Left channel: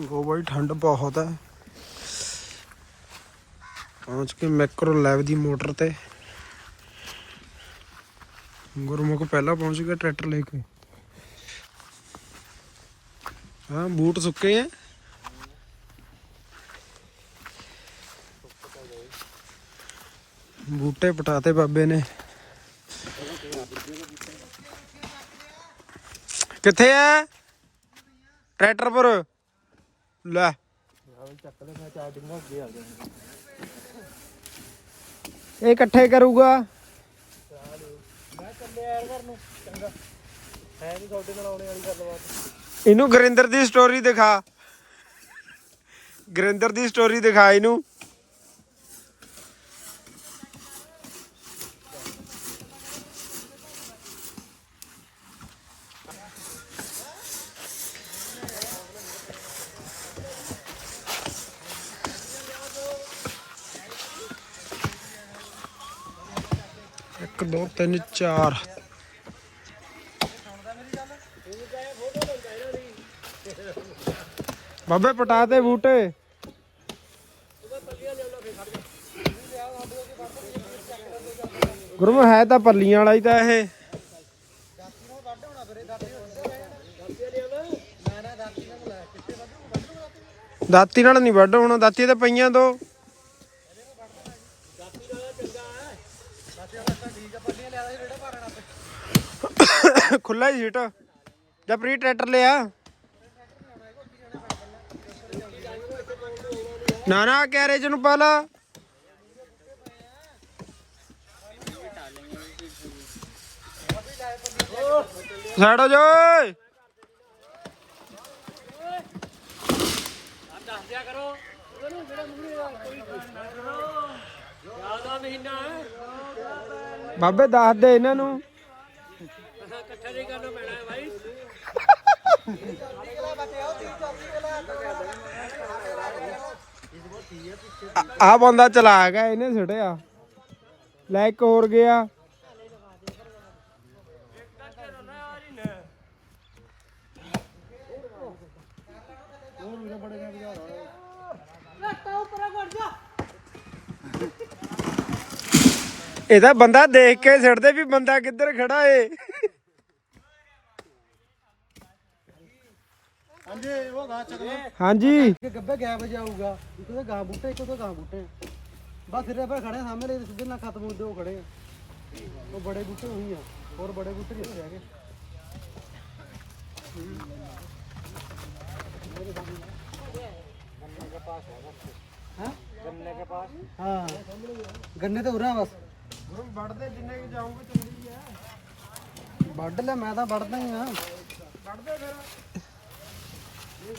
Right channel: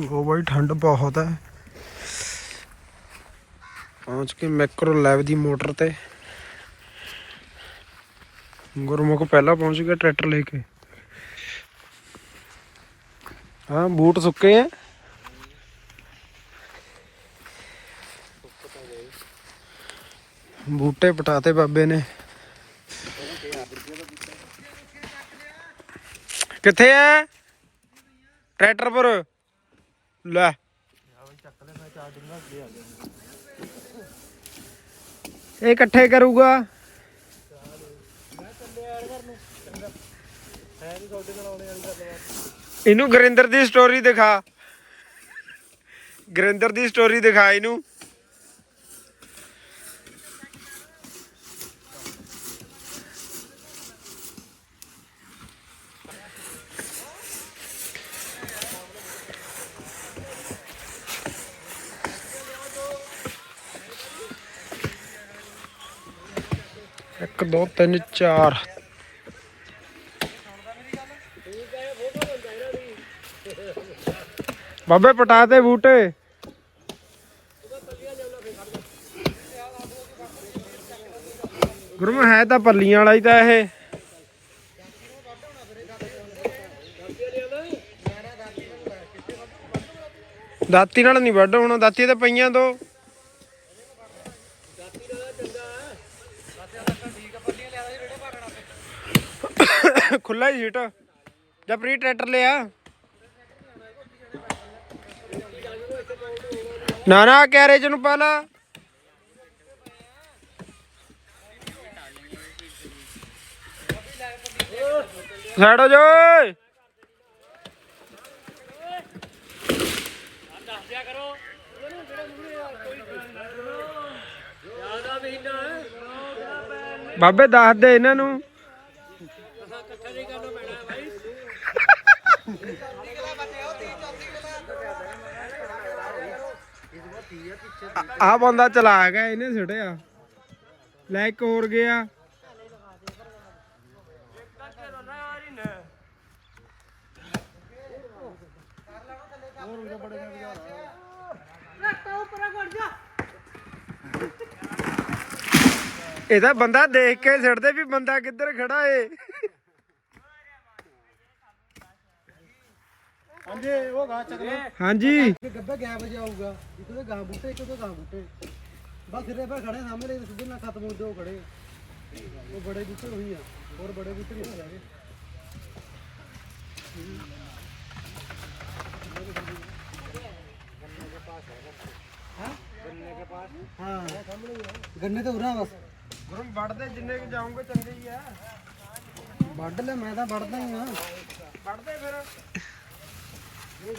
ਉਹ ਬਾਈ, ਠੰਡ ਬਹੁਤ ਹੈ। ਪਹੁੰਚ ਕੇ ਮੈਕਰੋ ਲੈਵ ਦੀ ਮੋਟਰ ਤੇ। ਗੁਰਮੁਖ ਪਹਿਲਾਂ ਪਹੁੰਚ ਗਿਆ ਟਰੈਕਟਰ ਲੈ ਕੇ। ਹਾਂ, ਬੂਟ ਸੁੱਕੇ ਆ ਬੂਟੇ ਪਟਾਤੇ ਬਾਬੇ ਨੇ। ਕਿੱਥੇ ਐ ਟਰੈਕਟਰ ਪਰ। ਲੈ। ਇਹ ਇਕੱਠੇ ਕਰੂਗਾ। ਇਹਨੂੰ ਗੁਰਿੰਦਰ ਦੀ ਸਟੋਰੀ ਦਿਖਾ। ਗੁਰਿੰਦਰ ਦੀ ਸਟੋਰੀ ਦਿਖਾ ਇਹਨੂੰ। ਇੱਕ ਦੋ, ਤਿੰਨ, ਚਾਰ। ਬਾਬੇ, ਪਟਾ ਤੇ ਬੂਟੇ। ਗੁਰਮ ਹੈ ਤਾਂ ਪੱਲੀਆਂ ਵਾਲਾ ਹੀ ਤਾਂ ਇਹ। ਦਾਤੀ ਨਾਲ ਨਹੀਂ ਵੱਢ ਹੋਣਾ, ਦਾਤੀ ਤਾਂ ਪਈਆਂ ਦੋ। ਖੁੱਲਾ ਹੀ ਸੀਟ। ਜਾਂ ਪ੍ਰੀ ਟਰੈਕਟਰ ਲਿਆ। ਨਾ ਨਾ ਕੈਰੇਜ ਨੂੰ ਪਾ ਲਾ। ਸਾਈਡ ਹੋ ਜਾ, ਓਏ। ਬਾਬੇ, ਦੱਸ ਦੇ ਇਹਨਾਂ ਨੂੰ। ਆ ਬੰਦਾ ਚਲਾ ਗਿਆ ਇਹਨੇ ਛੜਿਆ ਲੈ ਇੱਕ ਹੋਰ ਗਿਆ। ਇਹਦਾ ਬੰਦਾ ਦੇਖ ਕੇ ਛੱਡਦੇ ਵੀ ਬੰਦਾ ਕਿੱਧਰ ਖੜਾ ਏ। ਹਾਂਜੀ। ਗੱਬੇ ਗੈਪ ਜਾਊਗਾ ਇੱਕ ਤੋਂ ਗਾਂ ਬੂਟੇ ਇੱਕ ਤੋਂ ਗਾਂ ਬੂਟੇ। ਬਸ ਸਿਰੇ ਪਰ ਖੜੇ ਸਾਹਮਣੇ ਸਿੱਧੇ ਨਾਲ ਖਤਮ ਹੁੰਦੇ ਉਹ ਖੜੇ। ਉਹ ਬੜੇ ਬੂਟੇ ਉਹੀ ਆ ਹੋਰ ਬੜੇ ਬੂਟੇ ਨਹੀਂ ਉੱਥੇ ਹੈਗੇ। ਹਾਂ ਗੰਨੇ ਤੇ ਉਰਾ ਬਸ। ਗੁਰਮ ਵੜਦੇ ਜਿੰਨੇ ਕਿ ਜਾਉਂਗੇ ਚੰਗੇ ਹੀ ਆ। ਵੱਢ ਲੈ ਮੈਂ ਤਾਂ ਵੱਢਦਾ ਹੀ ਆ। ਵੜਦੇ ਫਿਰ।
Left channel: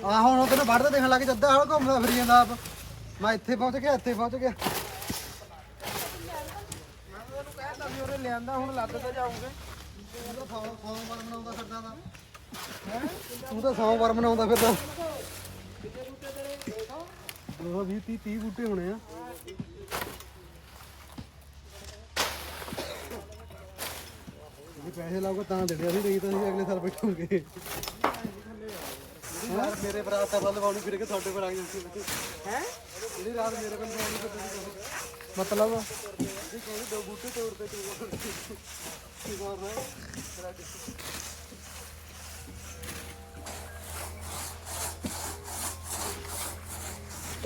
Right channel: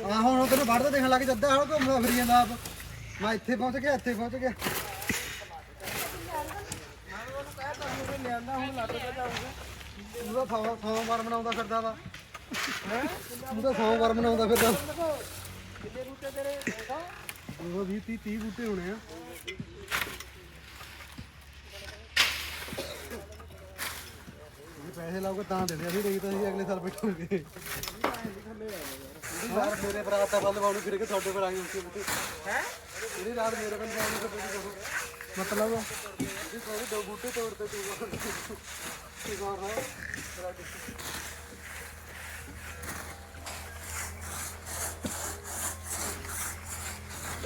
ਆ ਹੁਣ ਉਹ ਤੈਨੂੰ ਵੱਢਦੇ ਦੇਖਣ ਲੱਗ ਜੱਦਾ ਹਲ ਘੁੰਮਦਾ ਫਿਰ ਜਾਂਦਾ ਆਪ। ਮੈਂ ਇੱਥੇ ਪਹੁੰਚ ਗਿਆ, ਇੱਥੇ ਪਹੁੰਚ ਗਿਆ। ਲਿਆਂਦਾ ਹੁਣ ਲੱਗ ਤੇ ਜਾਉਂਗੇ ਤੂੰ ਤਾਂ ਸੌ ਸੋਮਵਾਰ ਮਨਾਉਂਦਾ ਫਿਰਦਾ ਵਾ। ਤੂੰ ਤਾਂ ਸੋਮਵਾਰ ਮਨਾਉਂਦਾ ਫਿਰਦਾ। ਉਹ 20 30 30 ਬੂਟੇ ਹੋਣੇ ਆ। ਪੈਸੇ ਲਾਉਗਾ ਤਾਂ ਦਿੰਦੇ ਅਸੀਂ ਨਹੀਂ ਤਾਂ ਅਸੀਂ ਅਗਲੇ ਸਾਲ ਬੈਠੋਗੇ ਰਾਤ ਮੇਰੇ ਬਰਾਤ ਦਾ ਫਲ ਵਾਉਣ ਫਿਰ ਕੇ ਤੁਹਾਡੇ ਪਰ ਆ ਗਏ ਸੀ ਹੈ? ਜਿਹੜੀ ਰਾਤ ਮੇਰੇ ਵੱਲ ਵਾਉਣ ਫਿਰ ਤੁਸੀਂ ਕਹੋ ਮਤਲਬ? ਜੇ ਕੋਈ ਦੋ ਬੂਟੇ ਤੋੜਦੇ ਤੂੰ ਕੀ ਕਰਨਾ? ਤੇਰਾ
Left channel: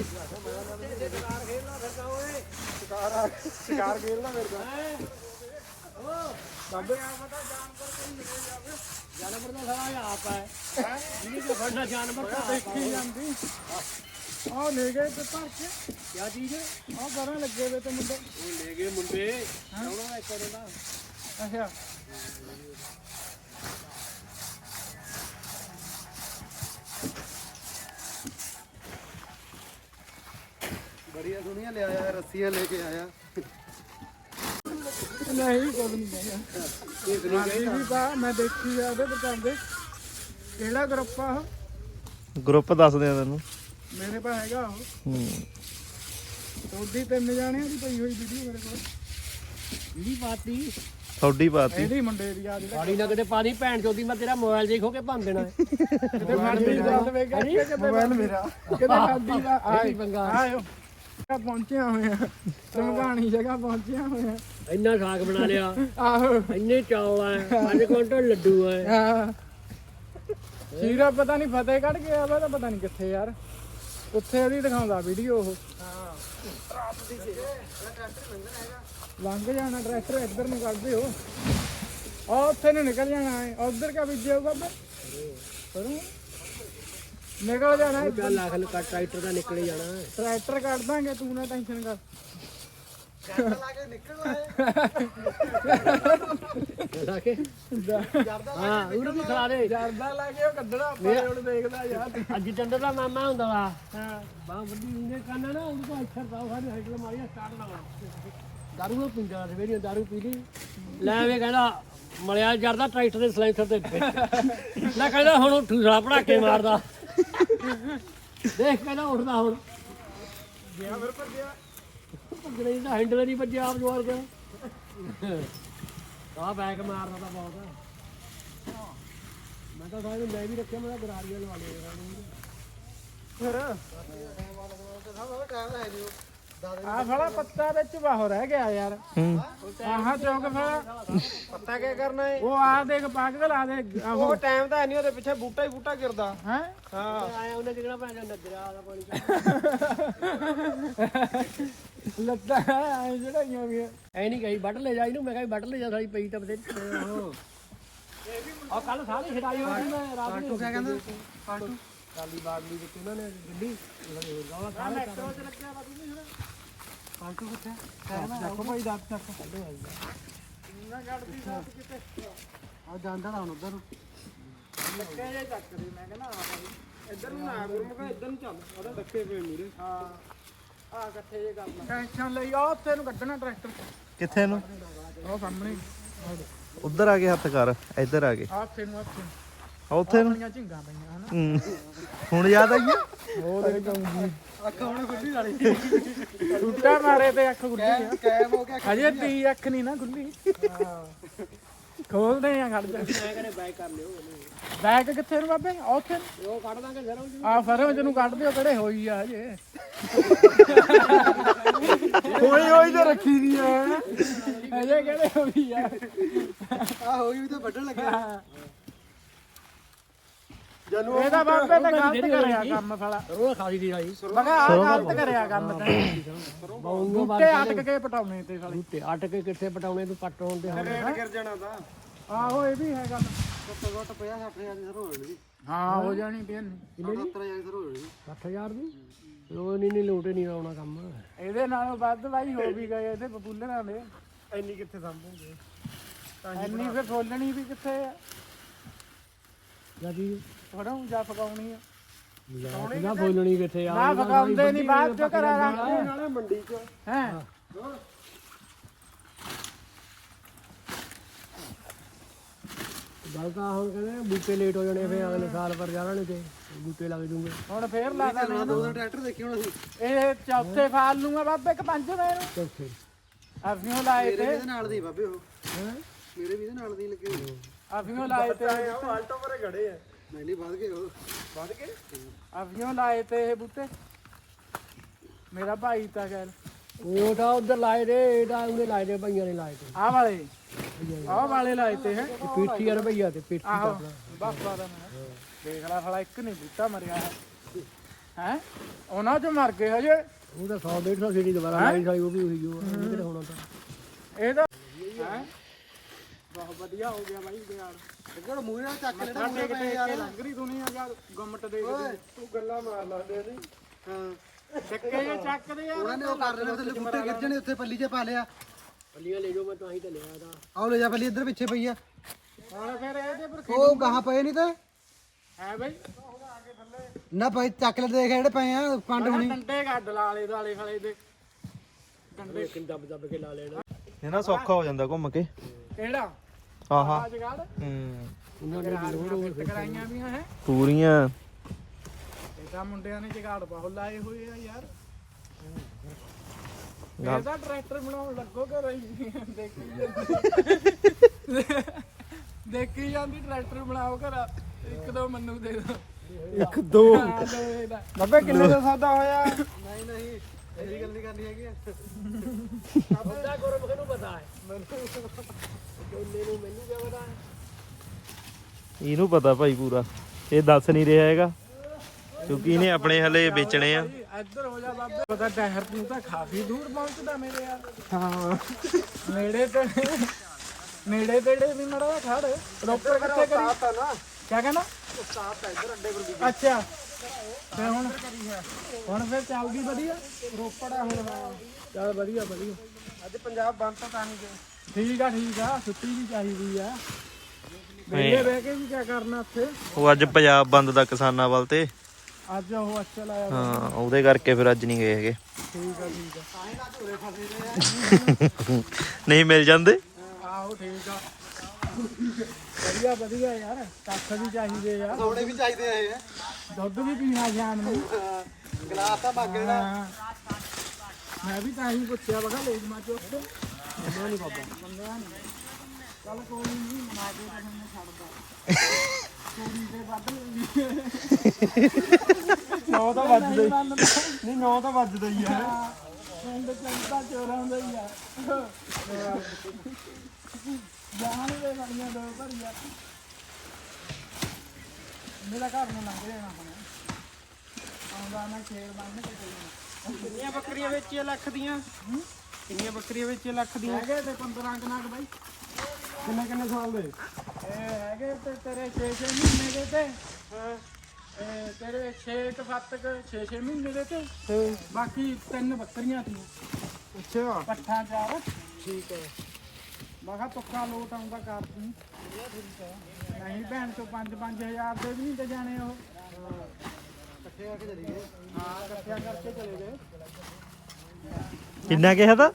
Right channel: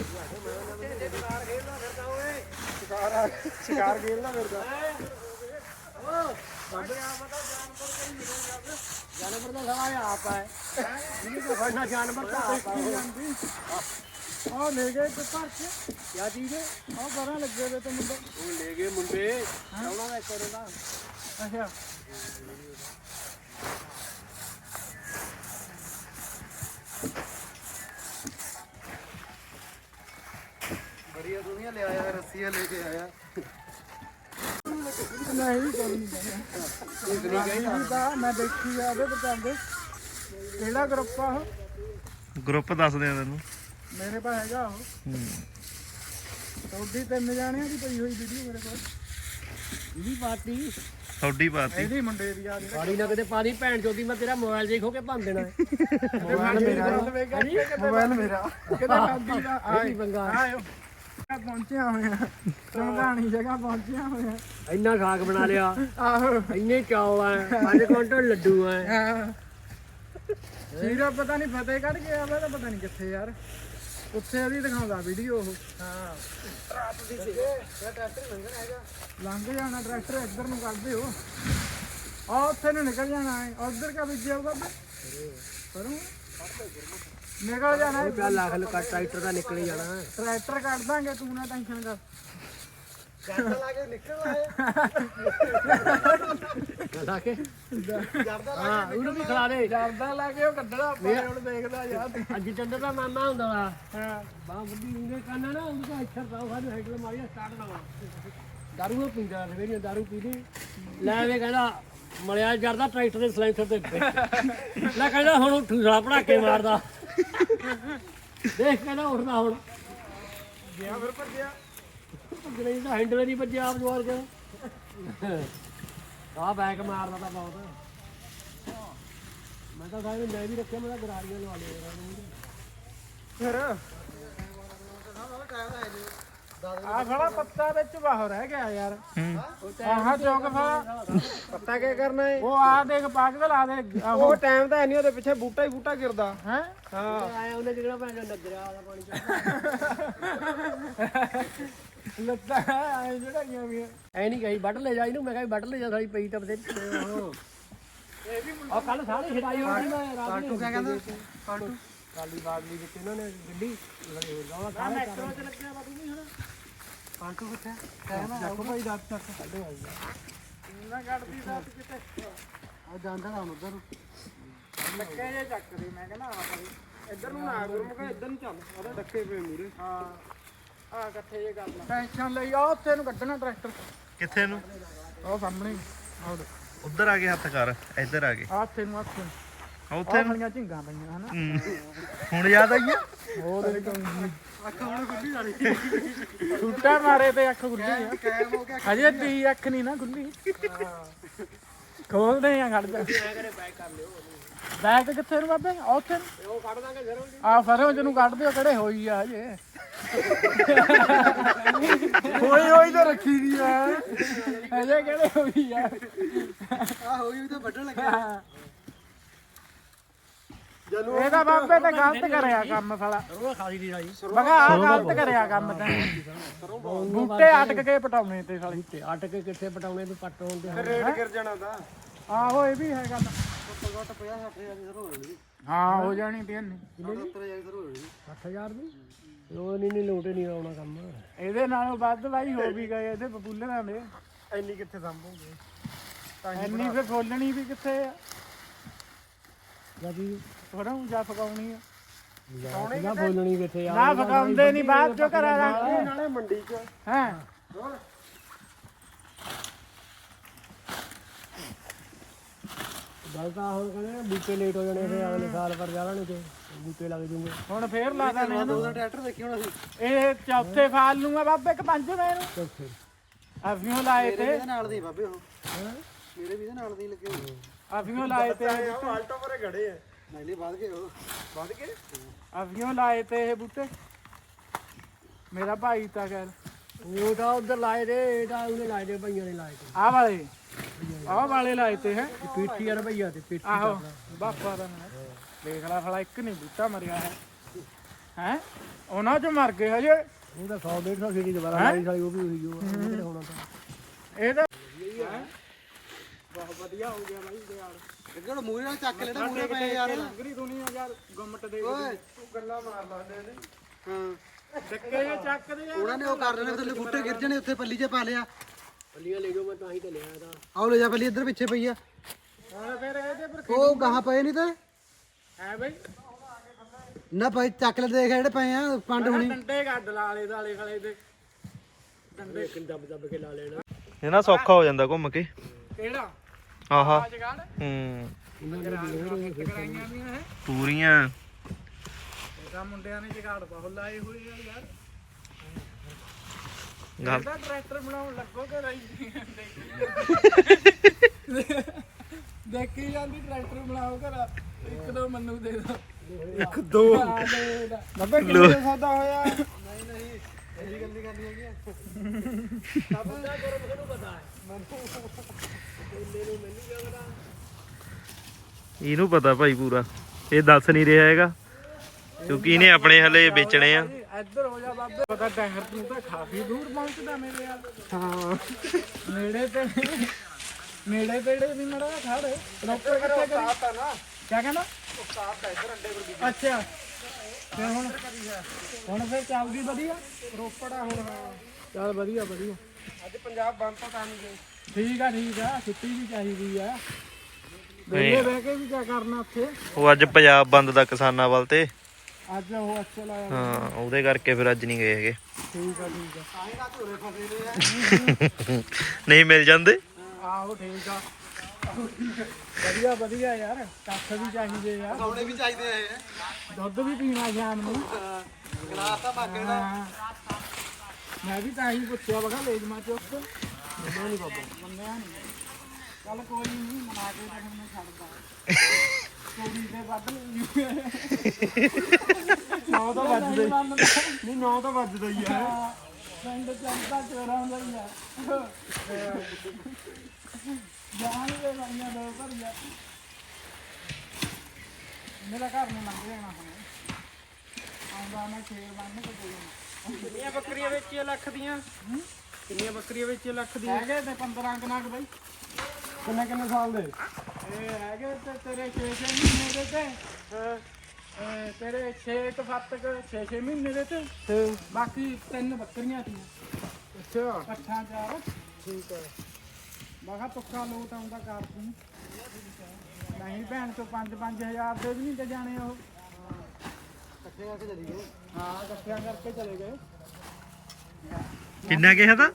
ਸ਼ਿਕਾਰ ਮੇਰੇ ਮਿਲੇ ਜਾਵੇ ਜਾਨਵਰ ਦਾ ਸਵਾਲ ਆਪ ਹੈ ਹੈ ਜਿਹਨੇ ਦਾ ਫੜਨਾ ਜਾਨਵਰ ਤਾਂ ਦੇਖੀ ਜਾਂਦੀ ਆ ਲੈ ਗਏ ਤੇ ਭਰ ਕੇ ਕੀ ਚੀਜ਼ ਹੈ ਆ ਬਾਰਾਂ ਲੱਗੇ ਵੇ ਤੇ ਮੁੰਡੇ ਉਹ ਲੈ ਗਏ ਮੁੰਡੇ ਕੌਣਾ ਦਾ ਇੱਕ ਦਾ ਅੱਛਾ ਬੜੀਆਂ ਦੁਨੀਆ ਲੈ ਆਇਆ ਰੱਸੀਆਂ ਲੈ ਕੇ ਆਇਆ ਨਹੀਂ ਕੋਈ ਨਹੀਂ ਕਹਿੰਦਾ ਦੇਖ ਨਹੀਂ ਤਾਂ ਮੈਂ ਦੇਖੀ ਆ ਉਹਦੇ ਬਚਾਉਂਦੇ ਕਿਹੜਾ ਗਰੁੱਪ ਆ ਉਹ ਗਰੁੱਪ ਦੱਸਦੇ ਆ ਤੈਨੂੰ ਮੇਰੇ ਪਾ ਹੈਗਾ ਉਹ ਉਹਦੀ ਤਿੰਨ ਜਾਣਿਆਂ ਦੀ ਪਈ ਹੋਈ ਵੀਡੀਓ ਮੇਰੇ ਕੋਲ ਇਹਦੀ ਪਾਰਟੀ ਥੋੜੀ ਪਾਤੀ ਇਹਦੀ ਮੁੰਡੇ ਦੀ ਆ ਜਿਹੜਾ ਸਾੜੀ ਨਾ ਕਿਤੇ ਪਾਣੀ ਭੈਣ ਚੋਦੀ ਮੈਂ ਤੇਰਾ ਮੋਬਾਈਲ ਦੇਖੋ ਕੇ ਭੰਨ ਦੇਣਾ ਮੋਬਾਈਲ ਮੇਰਾ ਮੋਬਾਈਲ ਮੇਰਾ ਕਿਤੇ ਖਾਂਦੀ ਦਾ ਇਹ ਕੀ ਪੰਗਾ ਆਇਓ ਪਹੁੰਚਿਆ ਹੋਇਆ। ਚਮਗਾਣੀ ਜਗ੍ਹਾ ਪਹੁੰਚਿਆ ਹੋਇਆ। ਇੰਨਾ ਸਾਗ ਬਣਾ ਲਿਆ। ਆਹੋ। ਇੰਨੇ ਚੌਲ ਆ 5 ਕੁਇੰਟਲ ਲੱਡੂ ਆ। ਸੀਰਾ ਪਤਾ ਨਹੀਂ ਫਤਿਹਗੜ੍ਹ ਗਿਆ ਵਾ ਤਾਂ ਪਤਾ ਨਹੀਂ ਕਿੱਥੇ ਯਾਰ। ਉੱਥੇ ਉਹਦੀ ਦਿਖਾਉਂਦਾ ਵੀਡੀਓ ਉਹ। ਲੰਘ ਜਾਣਾ ਟਰੈਕਟਰ ਇੱਧਰ ਨੂੰ ਕਰਦੇ ਹੋ ਆ ਉੱਥੇ ਨੂੰ ਨਿਕਲ ਜਾਣਾ ਹੈ ਉਧਰ ਕਾ ਬੀਜਿਆ ਹੋਊਗਾ ਬੇ ਕਰੂੰ ਨਿਕਲ ਜਾਣਾ ਹੈ। ਉਹ ਚੱਲ ਲੱਖ ਲੁਕਾ ਟਰੈਕਟਰ ਦਾ ਨਿਕਲੇ ਜਾਣਾ। ਟਰੈਕਟਰ ਕੱਢ ਦਾਂਗੇ ਤੂੰ ਨਾ ਟੈਨਸ਼ਨ ਕਰ। ਲਾ ਕੇ ਜਾਂਦਾ ਲਾ ਕੇ। ਉਹ ਕੱਢਣਾ ਆਪਣੇ ਹੁਣ ਦੇਖਦਾ ਯਾਰ ਅੱਜ ਟੰਡੇ ਦਾ ਮਾਮਾ ਹੁੰਦਾ ਵਾ। ਹਾਂ ਬਾਹ ਵੱਡੀ ਹੁੰਦੇ ਕੰਨਾ ਨਾ ਉਹਨੂੰ ਸਾਡੇ ਹੈਡਲ ਸਟਾਰਟ ਦਾਰੂ ਉਹ ਪੀਂਦਾ ਸਵੇਰੇ ਦਾਰੂ ਪੀ ਲਈ। ਲੈ ਵੇ ਕਹਿੰਦਾ ਮਲਿਆ ਜਰਦਾ ਟਰੈਕਟਰ ਦੇ ਸਲੈਂਸਰ ਤੇ ਵਿੱਚ। ਲੈ ਕਹਿੰਦਾ ਹੁਣ ਉੱਠੂ ਸਾਲਾ ਪੜਾਕੇ ਮਾਰਦਾ। ਦੇਖ ਕਹਿੰਦਾ ਉੱਠਦਾ ਹੁਣ। ਗਿਆ ਫਿਰ ਭੱਜਿਆ। ਭੱਜਣੇ ਦਾ ਹੈਂਡਲ ਨਹੀਂ ਵੱਜਿਆ ਆਪ ਜਵਾਰ ਕੇ। ਆ ਬੈਕ ਮਾਰਦਾ ਤਾਂ ਬਹੁਤ। ਮੈਂ ਤਾਂ ਸਾਰੇ ਮੈਂ ਵੀ ਰੱਖਿਆ ਮੈਂ ਤਾਂ ਗਰਾਰੀਆਂ ਲਵਾ ਲਿਆ ਫਿਰ? ਆਹ ਸਾਲਾ ਪੱਤਾ ਵਿੱਚ ਬਾਹਰ ਰਹਿ ਗਿਆ ਯਾਰ। ਆਹ ਚੌਕ ਫਿਰ ਪੱਤਾ ਕੀ ਕਰਨਾ ਹੈ ਉਹ ਆ ਦੇਖ ਪਾਗਲ ਆ ਦੇ ਆਹੋ ਟਾਈਮ ਤਾਂ ਨਹੀਂ ਉਹਦੇ ਪਿੱਛੇ ਬੂਟਾ ਹੀ ਬੂਟਾ ਗਿਰਦਾ। ਹੈ? ਹਾਂ ਉਹਨੇ ਜਿਹੜਾ ਭੈਣ ਲੱਗ ਰਿਹਾ ਆਦਾ ਪਾਣੀ ਲੱਤਾਂ ਐ ਜਿਹੜਾਈਆਂ ਵੀ ਐ ਨਹੀਂ ਕਹੀ ਵੱਢ ਲੈ ਜਾ ਇਹਨੂੰ ਮੈਂ ਕਿਹਾ ਵੱਢ ਲੈ ਜਾ ਸਾਲੀ ਪਈ ਤਾਂ ਬਤੇ ਉਹ ਆ ਕੱਲ ਸਾਰੇ ਛਡਾਈ ਹੋਈ ਮੈਂ ਪਾਲਟੂ ਕਿਆ ਕਹਿੰਦਾ? ਪਾਲਟੂ ਕਾਲੀ ਬਾਗਲੀ ਵਿੱਚ ਇਹਨਾਂ ਨੇ ਗੱਡੀ ਲੜੇ ਹੋ ਜਾਵਾ ਸਾਰੇ ਕੰਮ ਕਿੱਥੇ ਕਹਿਣਾ ਭਾਈ ਚੱਕ ਆ। ਜਾਂਦਾ ਨਾ ਹੁਣ ਉਧਰ। ਲੱਕੇ ਜੇ ਚੱਕ ਦੇ ਮੈਂ ਕਹਿੰਦਾ ਆ ਭਾਈ। ਇੱਧਰ ਨੂੰ ਨਾ ਗੁਰੂ ਮੈਂ ਇੱਧਰ ਨੂੰ ਚੱਲ। ਉਹਦਾ ਡੱਕੇ ਪਏ ਮੂਰੇ ਹਾਂ। ਆ ਇਕੱਠੇ ਜੇ ਕਰ ਲੈ ਟੈਨਸ਼ਨ ਲਈ ਆ ਉੱਥੇ ਨੂੰ ਕੱਢਣਾ ਟਰੈਕਟਰ ਕਿੱਥੇ ਨੂੰ? ਉਹ ਸਾਹਮਣੇ। ਆਹ ਉੱਧਰ। ਆ ਕੇ ਹੱਥ ਕਰ ਇੱਧਰ ਆ ਕੇ। ਆ ਉੱਥੇ ਨੂੰ ਉੱਥੇ। ਹੁਣ ਯਾਦ ਆਈ ਆ? ਉਹ ਦੇ ਛੁੱਟਾ ਮਾਰੇ ਤੇ ਅੱਖ ਖੁੱਲੀ ਆ। ਕੈਮ ਹੋ ਗਿਆ ਹਜੇ ਤੀ ਅੱਖ ਨਹੀਂ ਨਾ ਖੁੱਲੀ ਖੋਲਦੇ ਆ ਖੜ ਜਾ। ਬੈਗ ਕਿੱਥੇ ਨੂੰ ਬਾਬੇ? ਆ ਉੱਥੇ ਨੂੰ। ਉਹ ਕੱਢ ਦਾਂਗੇ ਜ਼ਰੂਰ ਆ ਫਰੋਂ ਜਿਹਨੂੰ ਕੱਢ ਦਿਓ ਕਿਹੜੇ ਹੋਈ ਆ ਹਜੇ। ਹੋਈ ਹੋਈ ਤਾਂ ਰੱਖੀ ਦੀ ਮੈਂ। ਹਜੇ ਕਿਹੜੇ ਹੋਈ ਆ। ਆ ਹੋਈ ਵੀ ਤਾਂ ਵੱਢਣ ਲੱਗਾ। ਜਨੂੰ ਇਹ ਤਾਂ ਬਾਬੇ ਤੇ ਗਲਤ ਕਰਿਆ ਕੰਮ ਫਲਾ ਉਹ ਖਾਲੀ ਦੀ ਆਈ ਆਹ ਗਲਤ ਕਰਿਆ ਕੰਮ ਤਾਂ। ਬੂਟੇ ਅਟਕ ਕੇ ਪਟਾਉਣੇ ਤੇ ਖਾਲੀ ਤੇ ਅਟ ਕੇ ਕਿੱਥੇ ਪਟਾਉਣੇ? ਤੂੰ ਪੱਟ ਹੋਣ ਦੇ ਰੇਟ ਗਿਰ ਜਾਣਾ ਤਾਂ। ਆਹੋ ਇਹ ਵੀ ਹੈਗਾ। ਘੱਟੋ ਘੱਟ 50 60 ਹਜ਼ਾਰ ਦੀ ਸਰ ਹੋ ਜਾਣੀ। ਹਾਂ ਹੋ ਜਾਣੀ ਤੇ ਇਹਨੂੰ। 70 ਹਜ਼ਾਰ ਦੀ ਸਰ ਹੋ ਜਾਣੀ। 60000 ਦੀ? ਲੋ ਨਹੀਂ ਨਹੀਂ ਲੋਟੇ ਨਹੀਂ ਆਉਣਾ ਕੰਮ। ਇਹਦੇ ਨਾਲੋਂ ਵੱਧ ਬਾਈ ਹੋ ਵੀ ਗਏ ਇਹਦੇ ਬਬੂਲਰਾਂ ਦੇ। ਇੰਨੀ ਕਿੱਥੇ ਸੰਭੋਗੇ ਇੰਨੀ ਫੇ ਖੋਲਣੀ ਵੀ ਕਿੱਥੇ ਆ? ਜਾਦੀ ਥੋੜਾ ਜਾ ਪਕਾਉਣੀ ਆ। ਨਾ ਬੋਲਣੀ ਕਿੱਥੇ ਆ ਨਾ ਪਕਾਉਂਦੇ ਨਹੀਂ ਬਾਅਦ ਚ ਕਰ ਨਾਲੇ ਮੰਡੀ 'ਚ। ਹਾਂ। ਗੱਲ ਤਾਂ ਹੁਣ ਕਹਿੰਦੇ ਨੇ ਬੂਟੇ ਲੇਟ ਹੋ ਜਾਣੇ ਫੇ ਅਗਲੇ ਸਾਲ ਪਰ ਜਾਣਗੇ ਤੇ ਬੂਟੇ ਲੱਗ ਜੂਗੇ ਹੁਣ ਫੇਰ ਲਾ ਦੇ ਚੱਲਣਾ ਦੋ ਦਾ ਟਰੈਕਟਰ ਦੇਖੀ ਹੁਣ ਅਸੀਂ ਇਹ ਚੌਥੇ ਫਾਲ ਨੂੰ ਆ ਬਾਬੇ ਕਿ ਪੰਜ ਨੇ ਚੌਥੇ। ਅਫੀਓ ਲਾਏ ਤੇ ਇਹਦੇ ਨਾਲ ਦੀ ਬਾਬੇ ਉਹ। ਮੇਰੇ ਵੀ ਇਹਦੇ ਨਾਲ ਦੀ ਲੱਗੇ ਹੋਏ। ਅਫੀਓ ਲਾਏ ਤੇ ਆਲਟੋ ਪਰੇ ਖੜੇ ਆ। ਨਹੀਂ ਨਹੀਂ ਵੱਧ ਗਏ ਉਹ ਵੱਧ ਕੇ। ਅਫੀਓ ਲਾਏ ਤੇ ਇਹ ਬੂਟੇ। ਮੇਰਾ ਭਾਈ ਤਾਂ ਕਰ ਤਾਂ ਉਧਰ ਲਾਏ ਦੇ ਇਹ ਤਾਂ ਉਹਨੇ ਲਾਏ ਦੇ ਭਈਆਂ ਨੇ ਲਾਏ ਤੇ ਆਹ ਵਾਲੇ? ਆਹ ਵਾਲੇ ਲਾਏ ਤੇ ਹੈ। ਇਹ ਪੀਠੀ ਯਾਰ ਭਈਆ ਤੇ ਪੀਠੀ ਆਹੋ ਦੇਖ ਲੈ ਫਲਾ ਇੱਕ ਨਹੀਂ ਬੂਟਾ ਮਰਿਆ। ਹੈ? ਉਹਨਾਂ ਚ ਮਰ ਗਏ ਹਜੇ। ਉਹ ਤਾਂ 100 150 ਸੀਗੀ ਦੁਬਾਰਾ ਲਾਈ ਸਾਲੀ ਉਹ ਵੀ ਹੋਈ ਕਿਹੜਾ ਹੋਣਾ ਤਾਂ। ਇਹ ਤਾਂ ਹੈਂ? ਬਹੁਤ ਵਧੀਆ ਹੋ ਗਿਆ ਬਾਈ ਦਿਹਾੜ ਅੱਗੇ ਉਹ ਮੂਹਰੇ ਨਾਲ ਚੱਕ ਲੈਣਾ ਸਾਡੇ ਕਿਤੇ ਇੱਥੇ ਲੰਗਰੀ ਦੁਨੀਆ ਯਾਰ ਗੁੰਮਟ ਦੇ ਦੇ ਤੂੰ ਗੱਲਾਂ ਮਾਰ ਲੈਂਦੇ ਸੀ ਹਾਂ। ਡੱਕੇ ਜੇ ਚੱਕਦੇ ਆ ਉਹਨਾਂ ਨੇ ਉਹ ਕਰ ਲੈਣਾ ਥੱਲੇ ਬੂਟੇ ਗਿਰ ਜਾਣੇ ਉੱਥੇ ਪੱਲੀ 'ਚ ਪਾ ਲਿਆ। ਪੱਲੀਆਂ ਲੈ ਜਾਓ ਮੈਂ ਤਾਂ ਹੀ ਤਾਂ ਲਿਆ ਇਹਦਾ। ਆਓ ਲੈ ਜਾ ਪੱਲੀ ਇੱਧਰ ਪਿੱਛੇ ਪਈ ਆ। ਹੁਣ ਫਿਰ ਇਹਦੇ ਪਰ ਉਹ ਗਾਹਾਂ ਪਏ ਨਹੀਂ ਤੇ? ਹੈ ਬਾਈ। ਨਾ ਭਾਈ ਚੱਕ ਲੈ ਦੇਖ ਜਿਹੜੇ ਪਏ ਆ ਪੰਡ ਹੁਣੀ। ਡੰਡੇ ਗੱਡ ਲਾਲੇ ਦਾਲੇ ਫਲੇ ਦੇ। ਡੰਡੇ ਕਿੰਨ ਦੱਬ ਦੱਬ ਕੇ ਲਾ ਲੈਣਾ। ਇਹ ਨਾ ਸੌਖਾ ਹੋ ਜਾਂਦਾ ਘੁੰਮ ਕੇ। ਕਿਹੜਾ? ਆਹਾ। ਹੂੰ। ਇਹਨਾਂ ਦੇ ਲੋੜ ਹੋਵੇ ਕਰਾਈਆਂ ਵੀ ਹੈ। ਤੂਰੀਆਂ। ਇਹ ਤਾਂ ਮੁੰਡਿਆਂ ਨੇ ਜਗਾੜ ਬਹੁਤ ਲਾਏ ਹੋਏ ਆ ਯਾਰ। ਗੱਲ ਇਹਦਾ ਟਰੈਕਟਰ ਬਣਾਉਣ ਲੱਗੋਗੇ ਰਹੀ ਦੇਖੀ ਜਾਂਦੀ ਟਰੈਕਟਰ ਬਣਾਓ ਘਰ। ਇੱਕ ਦੋ ਮੰਨੂ ਦੇ ਦੋ। ਇੱਕ ਦੋ। ਲੱਭੇ ਕਿੰਨੇ ਦਾ ਸੌਦਾ ਹੋਇਆ? ਨਹੀਂ ਨਹੀਂ ਇਹੀ ਗੱਲ ਨਹੀਂ ਕਰਨੀ ਹੈਗੀ। ਬੰਦਾ ਗੁਰਮੁਖ ਨੂੰ ਪਤਾ ਹੈ। ਨੂੰ ਮੈਨੂੰ। ਇਹਨੂੰ ਪਤਾ ਭਾਈ ਪੂਰਾ। ਇਹ ਦੱਸ ਨਹੀਂ ਰਿਹਾ ਹੈਗਾ, ਕਿਉਂਕਿ ਇਹਨੇ ਆਪਣੇ ਹਲੇ ਵੇਚਣੇ ਆ। ਇੱਧਰ ਹੋ। ਜਾ ਬਾਬੇ ਉਹਦਾ ਡਹਿਰ ਤੂੰ ਤਾਂ ਕਾਫੀ ਦੂਰ ਪਹੁੰਚਦਾ ਮੇਰੇ ਯਾਰ ਨੇੜੇ ਤੇ ਨੇੜੇ ਤੇੜੇ ਵੀ ਮੜਾ ਖੜ। ਰੋਪੜ ਕਿੱਥੇ ਕਰੀ? ਕਿਆ ਕਹਿੰਦਾ ਅੱਛਾ, ਤੇ ਹੁਣ ਹੁਣ ਫਿਰ ਚੱਲਦੀ ਵਧੀਆ? ਰੋਪੜ ਹੁਣ ਚੱਲ ਵਧੀਆ ਵਧੀਆ। ਅੱਜ ਪੰਜਾਬ ਬੰਦ ਤਾਂ ਨਹੀਂ ਗਏ ਠੀਕ ਆ ਠੀਕ ਆ ਛੁੱਟੀ ਵੀ ਚਾਹੀਦੀ ਆ। ਵੇਲੇ ਬਹਿ ਕੇ ਵੀ ਕੀ ਕਰਨਾ ਉੱਥੇ? ਉਹ ਅੱਜ ਪੰਜਾਬ ਬੰਦ ਦਾ ਕਿਸਾਨਾਂ ਵੱਲ ਤੇ। ਅੱਜ ਉਹ ਅੱਛਾ ਲਾਇਆ ਹਾਂ ਉਹਦੇ ਕਰਕੇ ਫਿਰ ਅੱਜ ਨਹੀਂ ਗਏ ਹੈਗੇ। ਠੀਕ ਆ ਠੀਕ ਆ। ਤਾਂ ਹੀ ਨਾ ਝੂਰੇ ਫਸੇ ਨੇ ਨਹੀਂ ਮਿਲ ਜਾਂਦੇ? ਆਹੋ ਠੀਕ ਆ। ਵਧੀਆ ਵਧੀਆ ਯਾਰ ਕੱਖ ਵੀ ਚਾਹੀਦੇ ਆ। ਥੋੜੇ ਵੀ ਚਾਹੀਦੇ ਆ ਇਹ। ਦੁੱਧ ਵੀ ਪੀਣਾ ਸ਼ਾਮ ਨੂੰ। ਗਲਾਸ ਤਾਂ ਹਾਂ। ਮੈਂ ਵੀ ਤਾਂ ਹੀ ਪੁੱਛਿਆ ਬਗਾ ਲੈ ਜਮਾ ਚੁੱਕ। ਮੰਨਿਆ ਨਹੀਂ ਬਾਬਾ ਮੰਨਿਆ ਨਹੀਂ ਚੱਲ ਕੋਈ ਨਹੀਂ ਮਨਾ ਕੇ ਤਾਂ ਮੈਂ ਛੱਡਦਾ ਚੋਰੀ ਤੇ ਵੱਧ ਨੌ ਤਾਂ ਵੱਜਦਾ ਨਹੀਂ ਨੌ ਤਾਂ ਵੱਜਦਾ ਹੀ ਆ ਪਿੰਡ ਚੰਦਾ ਚੋਰਾਂ ਦਾ ਹੀ ਆ ਜਾਣ ਦੇ ਸਾਈਆਂ ਦੋ ਭਰੀਆਂ ਮੇਰਾ ਘਰ ਨੂੰ ਲੰਘ ਜਾਣਾ ਹੁਣ। ਆਉਂਦਾ ਮੈਂ ਸ਼ੇਰ ਬੰਨ ਕੋ ਕੋਈ ਕਿੰਨੀਆਂ ਬੱਕਰੀਆਂ ਵੇਚੀਆਂ ਲੱਖ ਦੀਆਂ ਕਿੰਨੀਆਂ ਬੱਕਰੀਆਂ ਵੇਚੀਆਂ ਲੱਖ ਦੀਆਂ ਹੈਗੇ ਤੇ 15 ਕਨਾਕ ਬਾਈ ਕਿੰਨੇ ਕਿੰਨੇ ਸਾਲ ਦੇ ਇਹ ਹੈਗੇ ਤੇ ਤੇਰੇ 6-6 ਮਹੀਨੇ ਦੇ ਤੇ ਇਹ ਤੇਰੇ 6 ਤੇ 7 ਕ 6-6 ਮਹੀਨੇ ਦੇ ਤੇ ਬਾਕੀ ਤਿੰਨ ਬੱਕਰੀਆਂ ਤੀਆਂ ਅੱਛਾ ਪੱਠਾ ਚਾਰ ਠੀਕ ਹੈ ਬਾਖਾ ਤੁੱਕਾ ਲੋਟ ਆਉਂਦਾ ਕਰ ਤੂੰ ਨਹੀਂ ਭੈਣ ਤੋਂ 5-5000 ਦੇ ਵੀ ਨਹੀਂ ਤੇ ਜਾਣੇ ਉਹ ਇਕੱਠੇ ਆ ਕੇ ਚਲੀ ਗਏ ਹਾਂ ਇਕੱਠਿਆਂ ਕਰਕੇ ਚਲੇ ਗਏ ਕਿੰਨਾ ਕਿਹਾ ਤਾਂ?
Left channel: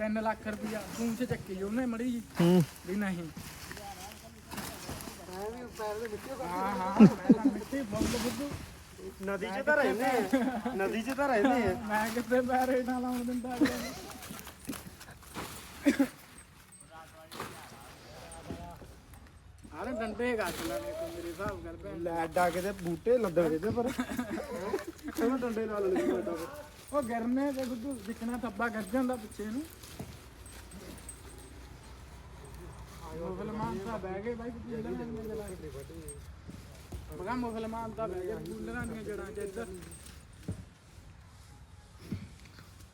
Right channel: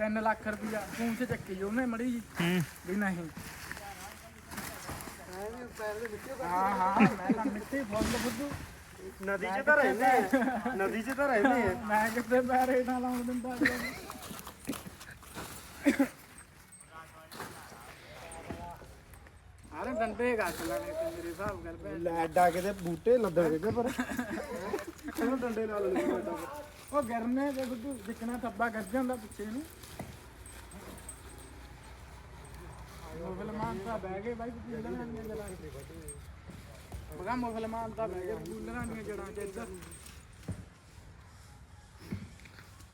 3 ਲੱਖ ਰੁਪਇਆ ਫੋਨ 'ਚ ਚੱਕੀ ਉਹਨੇ ਮੜੀ ਜੀ ਹੂੰ। ਵੀ ਨਹੀਂ। ਐ ਵੀ ਪੈਰ ਦੇ ਵਿੱਚੋਂ ਹਾਂ ਹਾਂ। ਮੈਂ ਤਾਂ ਮਿੱਟੀ ਫੁੱਲ ਬੁੱਧੂ। ਨਦੀ 'ਚ ਤਾਂ ਰਹਿੰਦੇ ਆ। ਨਦੀ 'ਚ ਤਾਂ ਰਹਿੰਦੇ ਆ। ਮੈਂ ਕਿਤੇ ਪੈਰੇ ਨਾ ਲਾਉਣ ਦਿੰਦਾ ਅਗਲੇ ਨੂੰ। ਡੰਡੇ ਗੱਟ ਲਾਣੇ ਤੇ ਮੇਰੇ ਹਿਸਾਬ ਕਰ ਭੈਣ ਲੈ ਐਡਾ ਕਿਤੇ ਬੂਟੇ ਲੱਦਣਗੇ ਤੇ ਪਰ। ਇਹਨੂੰ ਡੰਡੇ ਨਾਲ ਲੈਣੇ ਐਡਾ ਪਰ ਉਹ ਗਰਨੇ ਤੇ ਬੁੱਧੂ ਦਿਖਣਾ ਥੱਬਾ ਗੱਜ ਜਾਂਦਾ ਪਿੱਛੇ ਨੂੰ। ਮੁਸਲਮਾਨ ਤਾਂ ਬਹਿ ਗਏ ਬਾਈ ਕੂਲਰਾਂ ਦੀਆਂ ਜੜਾਂ ਬਗਾ ਮੁਸਲਮਾਨ ਤਾਂ ਬਹਿ ਗਏ ਕੂਲਰਾਂ ਦੀਆਂ ਜੜਾਂ 'ਚ ਇੱਧਰ।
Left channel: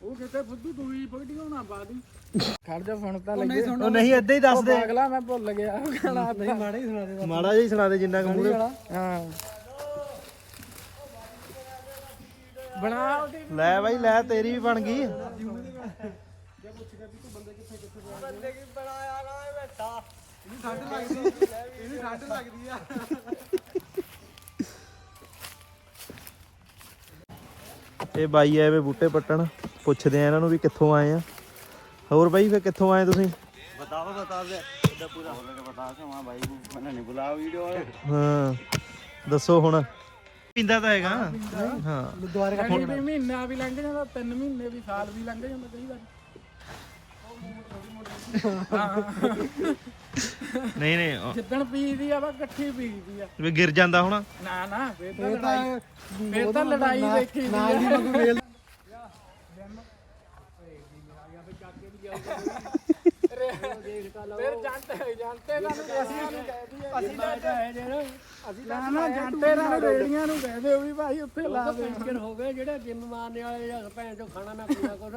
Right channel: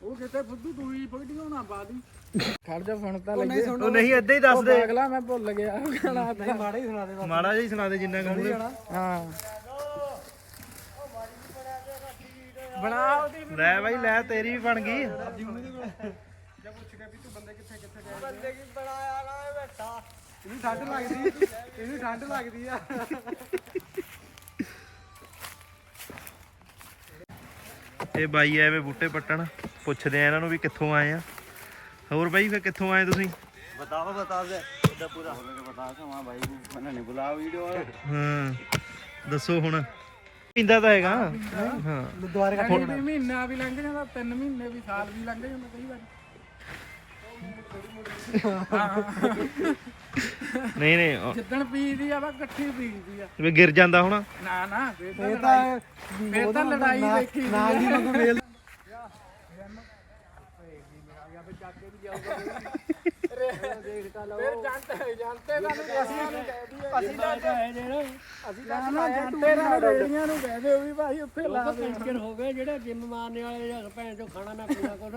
ਉਹ ਕਿਤੇ ਫੁੱਦੂ ਤੂੰ ਹੀ ਵੀਡੀਓ ਨਾ ਪਾ ਦੀ। ਖੜ ਜਾ ਸੁਣ ਤਾਂ ਲੱਗੇ। ਉਹ ਨਹੀਂ ਏਦਾਂ ਹੀ ਦੱਸ ਉਹ ਦੇ। ਪਾਗਲਾ ਮੈਂ ਭੁੱਲ ਗਿਆ ਗਾਣਾ ਮਾੜੇ ਹੀ ਸੁਣਾ ਦੇ ਮਾੜਾ ਜਿਹਾ ਹੀ ਸੁਣਾ ਦੇ ਜਿੰਨਾ ਕੁ ਮੂਰੇ ਹਾਂ। ਬਣਾ। ਲੈ ਬਾਈ ਲੈ ਤੇਰੀ ਵੀ ਬਣ ਗਈ। ਬੰਦੇ ਕੀ ਬਣਾਇਆ ਨਾ ਬੈਠਾ। ਇਹਨੂੰ ਠੰਡ ਲੱਗਦੀ ਇਹਨੂੰ ਠੰਡ ਲੱਗਦੀ ਆ। ਇਹ ਬਾਈ ਐਵੇਂ ਬੂਟੇ ਪੱਟਣ। ਪੁੱਛਦੇ ਆ ਇਹਨਾਂ ਨੂੰ ਵੀ ਕਿੱਥੋਂ ਆਏ ਆ ਹੋਰ ਬਾਈ ਫੇ ਕਿੱਥੋਂ ਆਏ ਤੁਸੀਂ बताओ बता दे इधर पूरा बोल के बता के वहां भाई को मैंने नहीं बुलाया वीडियो ਹਾਂ ਦੱਸੋ ਹੁਣ ਪੀਂਦਾ ਤਾਂ ਹੈਗਾ ਹਾਂ ਦੁਆਰੇ ਕਈ ਵੀ ਮਹੀਨਾ ਵੀ ਲੰਘ ਜਾਂਦਾ ਤਿੰਨ ਮਹੀਨੇ ਵੀ ਸਾਲ ਵੀ ਲੰਘ ਜਾਂਦਾ ਕਈ ਵਾਰ ਨਹੀਂ ਨਹੀਂ ਉਹ ਜਿੱਦਣ ਪੀਦੀ ਆ ਵਾ ਇਕੱਠੀ ਪੀਦੀ ਆ ਵੀ ਗਿਰ ਜਾਂਦਾ ਹੁਣ ਨਾ ਨਾ ਫੇਰ ਤਾਂ ਲੜਾਈ ਫੇਰ ਤਾਂ ਲੜਾਈ ਦੇਖੀ ਦੀ ਨਾਲ ਦੀ ਨੂੰ ਵੇਲ ਫਿਰ ਜਾਂਦੇ ਜਾਂਦੇ ਦਾ ਨੂੰ ਅਸੀਂ ਨੂੰ ਕਹਿ ਦਈਏ। ਅਸੀਂ ਤਾਂ ਅਸੀਂ ਤਾਂ ਨਾ ਜਾਂਦੇ ਨਾ ਰੇੜੀਆਂ ਨੂੰ ਕਹਿ ਦਿਓ ਵੀ ਭਾਈ ਉੱਥੇ ਲਾ ਦੇ। ਟੈਂਸ਼ਨ ਹੋ ਗਏ ਜਿਹੜੇ ਜਿੰਮ ਮਾਰਨੇ ਵਾਲੇ ਜਾਂ ਭੈਣ ਚੋ ਖਾਣਾ ਨਾ ਪੀਣਾ ਕੁਛ।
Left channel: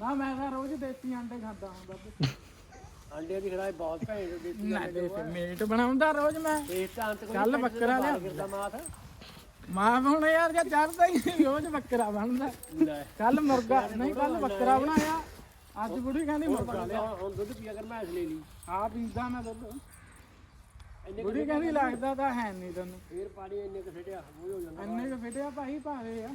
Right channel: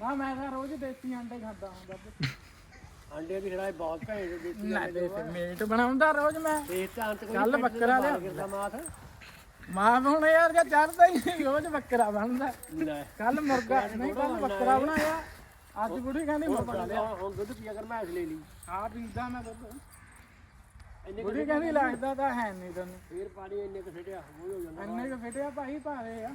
ਨਾ ਮੈਂ ਤਾਂ ਰੋਜ਼ ਦੇਸੀ ਅੰਡੇ ਖਾਂਦਾ ਹੁੰਦਾ ਬੱਬੂ। ਅੰਡੇ ਵੀ ਖੜਾਏ ਬਹੁਤ ਭੈਣ ਦਿੱਤੀ ਨਾ ਦੇਸੀ ਮੀਟ ਬਣਾਉਂਦਾ ਰੋਜ਼ ਮੈਂ। ਕੱਲ ਬੱਕਰਾ ਲਿਆ। ਮਾਂ ਹੁਣ ਯਾਰ ਜੇ ਚੜਦਾ ਹੀ ਨਹੀਂ, ਰੋਜ਼ ਬੱਕਰਾ ਬਣਦਾ। ਲੈ। ਕੱਲ ਮੁਰਗਾ ਨਹੀਂ ਕੱਲ ਬੱਕਰਾ ਬਣਾਇਆ। ਅੱਜ ਬੁੜੀ ਕਹਿੰਦੀ ਮੁਰਗਾ ਲਿਆ। ਹੁਣ ਦੁੱਧ ਪੀਆ ਕਰ ਮੈਂ ਲੈ ਲਈ। ਆ ਪੀਂਦਾ ਮੈਂ ਦੁੱਧ। ਬੁੜੀ ਕਹਿੰਦੀ ਲੱਗਦਾ ਤਾਂ ਹੈ ਨਹੀਂ ਤੈਨੂੰ। ਫੇਰ ਪਾਣੀ ਇੰਨੇ ਕੁ ਉਹ ਜਾਂਦਾ। ਇੰਨੇ ਕੁ ਫਿਟਿਆ ਭਾਈ ਭਾਰੇ ਆ।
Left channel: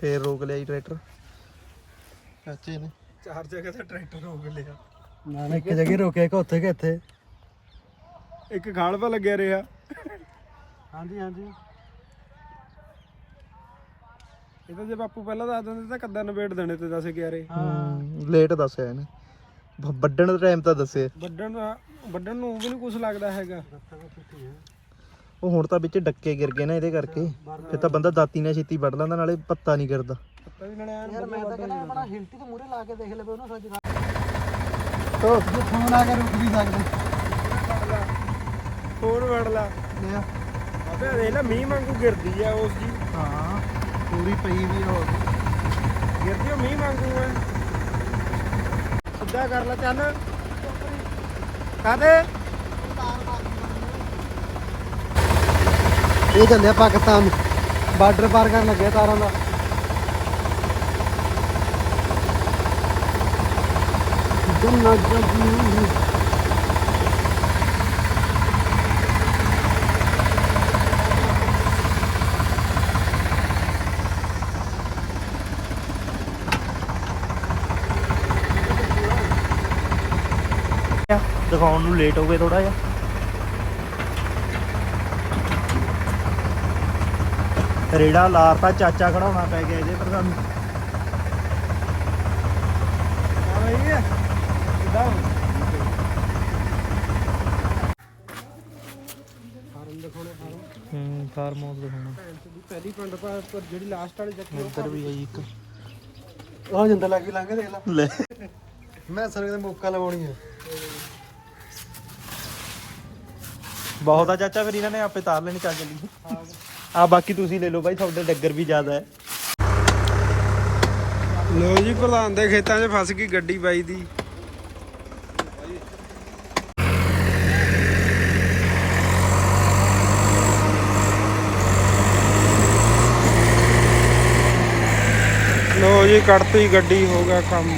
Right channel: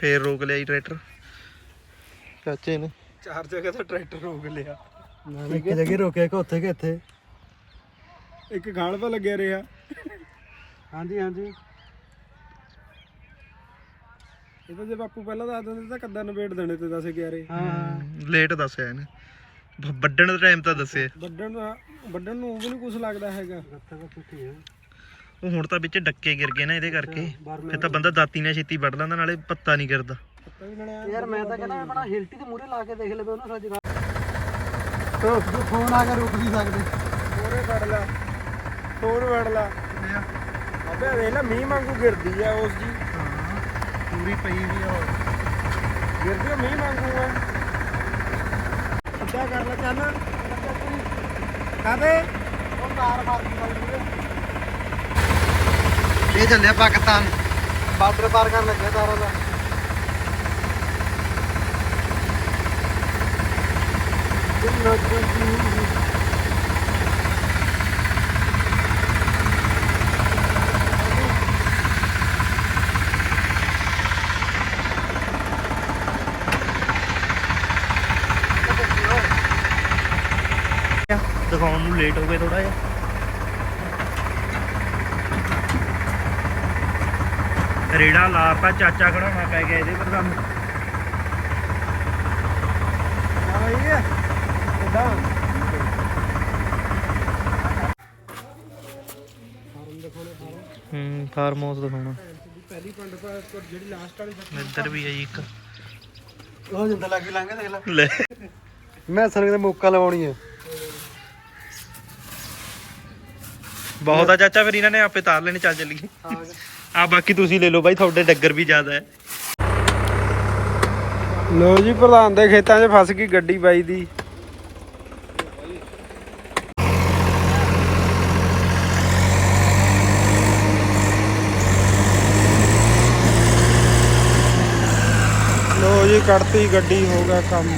ਫੇਰ ਰੋਕ ਲਿਆ ਜੀ ਟਰੈਕਟਰ। ਚਾਚੇ ਨੇ। ਚਾਰ ਜਗ੍ਹਾ ਤੋਂ ਟਰੈਕਟਰ ਰੋਕ ਲਿਆ। ਨਾ ਨਾ ਇੱਕ ਜਗ੍ਹਾ ਰੋਕਿਆ ਕਿ ਉੱਥੇ ਕਿ ਇੱਥੇ। ਇੱਕ ਗਾਲ ਪਾ ਲੱਗਿਆ ਰਿਹਾ। ਹਾਂਜੀ ਹਾਂਜੀ। ਇਹ ਤਾਂ ਜੇ ਬਾਪੂ ਪਹਿਲਾਂ ਦੱਸ ਦਿੰਦੇ ਤਾਂ ਕੱਦਾ ਨਵੇੜ ਦੇਣੇ ਤੇ 10 11 ਲੇਟ ਦੱਸਿਆ ਇਹਨੇ। ਵੱਢਣ ਦਾ ਟਾਈਮ ਤਾਂ ਦੱਸਿਆ। ਵੱਡਣ ਦਾ ਵੱਡਣ ਨੂੰ ਵੀ ਨਹੀਂ ਕੁਝ ਲੱਗਦਾ ਹੈਗਾ। ਉਹ ਹੁਣ ਤਾਂ ਵਿੱਚ ਡੱਕੇ ਗਿਰ ਗਏ ਨਾ ਇਹਦੇ ਕਰਕੇ। ਫਿਰ ਤਾਂ ਬੰਦਾ ਦਾਤੀ ਨਾਲ ਛੇਤੀ ਵੱਢ ਲੈਂਦਾ ਨਾਲੇ ਪੱਤਾ ਨਹੀਂ ਗਿਰਦਾ। ਪਤਾ ਵੀ ਨਣਿਆ ਯਾਰ ਮੈਂ ਤਾਂ ਕਹਿੰਦਾ ਆਪਣਾ ਹਿਲਟੀ ਤੇ ਮੂਰੇ ਲਾ ਕੇ ਦੇਖ ਲਵੇ ਉਹਨੂੰ ਸੱਜ ਤੋ ਫੋਨ ਆ ਕੇ ਰੁਕ ਵੀ ਸਕਦੇ। ਫੜ ਲਾ। ਹੋਰ ਵੜ ਲਾ ਲਿਆ ਅਬੇ ਦੇਖ ਲੈ ਮੀਂਹ ਵਾਂਗੂ ਗਿਰਦੀ ਆ ਉਸ ਜੀ। ਹਾਂ ਪੂਰੀ ਪਈ ਵੀ ਆ ਗਿਰਦੀ ਉਹ ਮੀਂਹ ਵਾਂਗੂ ਆ। ਸਿੱਧਾ ਕਰ ਲੈ ਚੱਲ। ਕਾਦੇ ਇਹ ਚੱਲਿਆ ਪਾਕਿਸਤਾਨ ਬਾਰਡਰ ਪਾਰ ਕਰਨ ਲੱਗਿਆ ਸਾਰਾ ਦਾ। ਦਿਖਾਉਣ ਨੂੰ ਲੇਟ ਹੋ ਗਏ ਥੋੜਾ ਜਿਹਾ। ਰੇੜਾ ਲਾਰਤਾ ਚਾਚਾ ਖੜਾਉਣਾ ਪੈ ਗਿਆ ਇਹਦੇ ਪਰ ਸਾਨੂੰ ਆ ਬਈ ਸਿੱਧਾ ਫਾਰਮ ਦਿਖਾਉਣੇ ਫਾਰਮ। ਹੂੰ ਫਾਰਮ ਹਾਊਸ ਦਿਖਾਉਣਾ। ਦੀ ਪਹਿਲੀ ਪਿੰਡ ਪਰ ਜਿਹੜੀ ਲਾਸਟ ਵਾਲੀ ਇੱਧਰ ਵੀ ਹੈ ਜੀ ਇੱਕ। ਆ ਜਿੰਦਾ ਲੱਗ ਕੇ ਲੰਘ ਦੇਖ ਲੈ। ਲੈ। ਮੈਂ ਸਨ ਦਾ ਮੌਕਾ ਲਵਾਉਣੀ ਹੈ। ਬਹੁਤ ਆ ਚਾਚਾ ਫਿਰ ਇਹਨਾਂ ਨੇ ਆਪੇ ਤਾਰ ਲੈਣੇ ਚੱਲ ਚੱਲੀਏ। ਆ ਬਾਕੀ ਤੁਸੀਂ ਲੈ ਲਓ ਬਾਈ, ਤੁਹਾਡੇ ਡੱਗਰ ਵੀ ਜ਼ਿਆਦਾ ਹੈ। ਲੋ ਜੀ, ਪ੍ਰਧਾਨ ਦੇ ਖੇਤਾਂ 'ਚ ਫਸ ਗਈ ਗੱਡੀ ਬਾਈ ਦੀ। ਲੋ ਜੀ, ਕੱਢਤੀ ਗੱਡੀ, ਹੋ ਗਿਆ ਕੰਮ।